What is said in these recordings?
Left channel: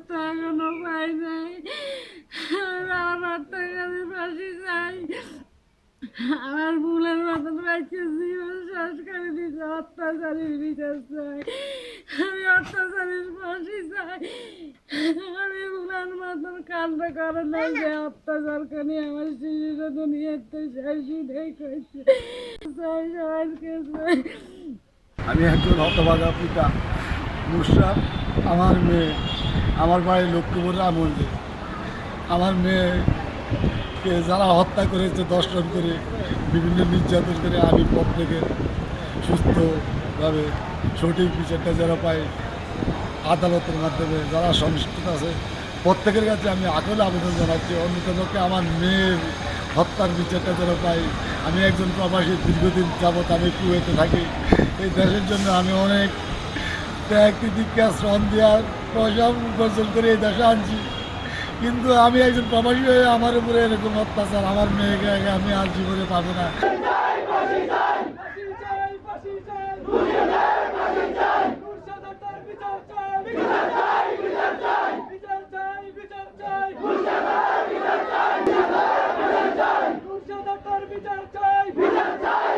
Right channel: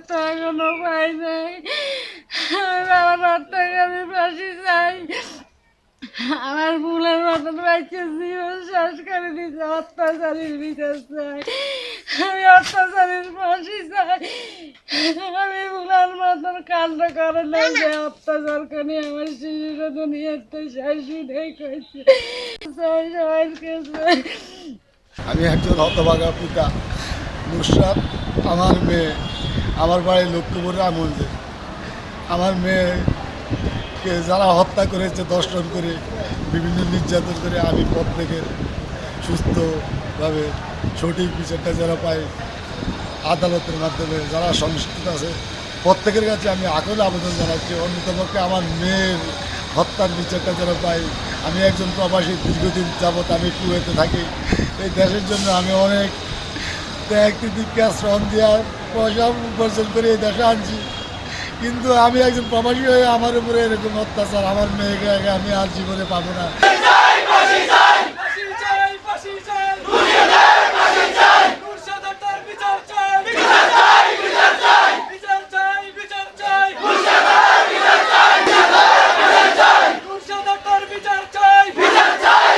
তো এখনও পাই নাই আমার ফাঁসি চাই আমার ভুলের মতন বাইকে জীবন করে দিয়েছে অত্যাচারীর বিচার চাই আমি অত্যাচারীর ফাঁসি চাই আমি ভুলের মতন কাণ্ড করে নাই যে অত্যাচার করে আমার শিশুরা দুনিয়াতে কইছে চাই আমি একজন হতভাগা পিতা, নুসরাত আমার মেয়ে। আমার বাড়ি লক্ষ্মীপুর রামগঞ্জে আমার মেয়েকে যারা হত্যা করেছে, দর্শন করে, বিভিন্ন নির্যাতন করে, আমি প্রত্যেকের সুস্থভাবে সঠিক বিচারটা যারা পাই, আদালতের মাধ্যমে যারা সংশ্লিষ্ট আছে, প্রত্যেকের কাছে আমি আকল আবেদন জানাচ্ছি অন্যতমকে আমার মেয়ের হত্যার বিচারটা যেন পাই। আমি একজন প্রবাসী, দীর্ঘদিন যাবৎ আমি কুয়েতে থাকি। এই দেশের জন্য আমি অনেক ত্যাগ তিতিক্ষা শ্রম দেওয়ার পয়সা করে দেশে আনছি। কিন্তু আমি একজন প্রবাসী হয়ে আমার উপরে এরকম অত্যাচার, আমার মেয়েকে আমি আর জীবনে পাবো না ফাঁসি চাই ফাঁসি চাই মুর্শিদ হত্যার বিচার চাই বিচার চাই বিচার চাই বিচার চাই বিচার চাই মুর্শিদ হত্যার বিচার চাই বিচার চাই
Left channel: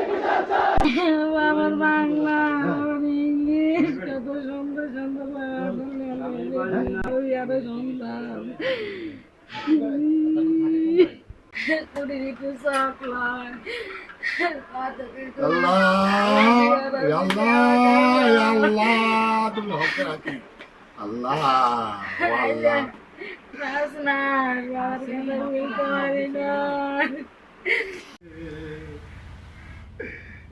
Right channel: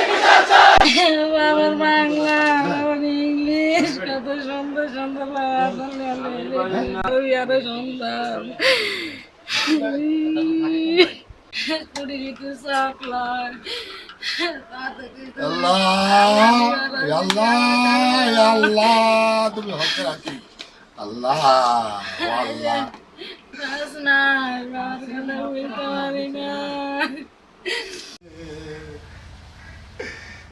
বাবার বাংলা বাবার ইংলিশ কত সুন্দর সুন্দর বাবা এত সুন্দর কুড়ি একটু সাপ্লাই আল্লাহ আল্লাহ আল্লাহ তুমি হক রাখি আল্লাহ ও আল্লাহ না বাবার কথা বলতে পারি না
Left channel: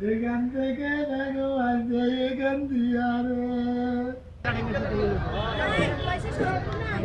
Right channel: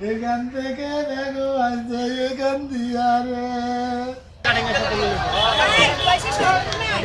এখান থেকে দেখো আছে এখান দিয়া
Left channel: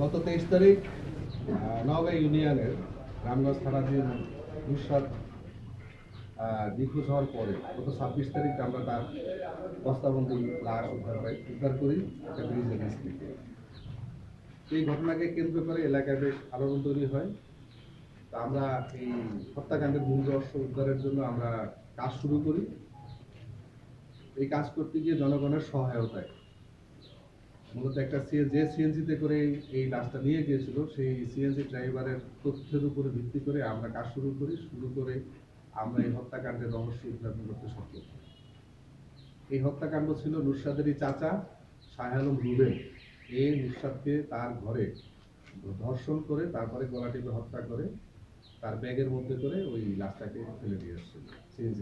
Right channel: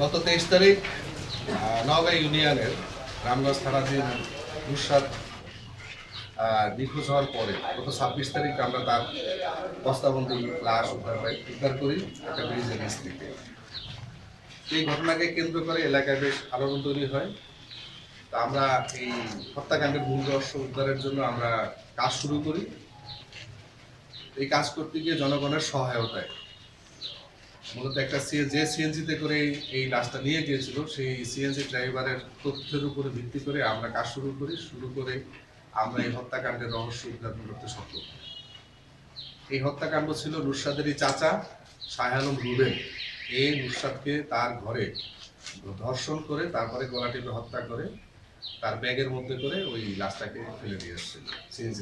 গত তেইশ তারিখ নওগাঁ ইউনিয়নের রামগঞ্জ থানাধীন আহ, নিখোঁজ হওয়ার পরে গত ছাব্বিশ তারিখ আমরা তার বস্তাবন্দি লাশ উদ্ধার পাই উদ্ধার করি একটা ব্রিজের নিচ থেকে। এই ঘটনাকে কেন্দ্র করে এলাকায় বেশ আলোড়ন তৈরি হয়। তা আমরা এই হত্যাকাণ্ডের মূল রহস্য উদ্ধারের জন্য আমরা কাজ শুরু করি। এই কাজ করতে গিয়ে জনগণের সহায়তায় মূলত একটা যে সিএনজিতে করে এই লাশটা নিয়ে গিয়েছিল, সেই সিএনজি ড্রাইভারের তথ্যের উপরে ভিত্তি করে আমরা কাজ শুরু করি, শুরু করে আমরা এই হত্যাকাণ্ডের রহস্য উদ্ঘাটন করতে সক্ষম এই হত্যাকাণ্ড ছিল নুরসাদেরই চাচা, শাহ আলম রুবেল। এই নুরসাদকে তার ঘরে ধর্ষণ করে, তারপরে গলা টিপে হত্যা করে, তার ব্যাগের মধ্যে করে ওই লাশটাকে ফেলে দিয়ে আসছিল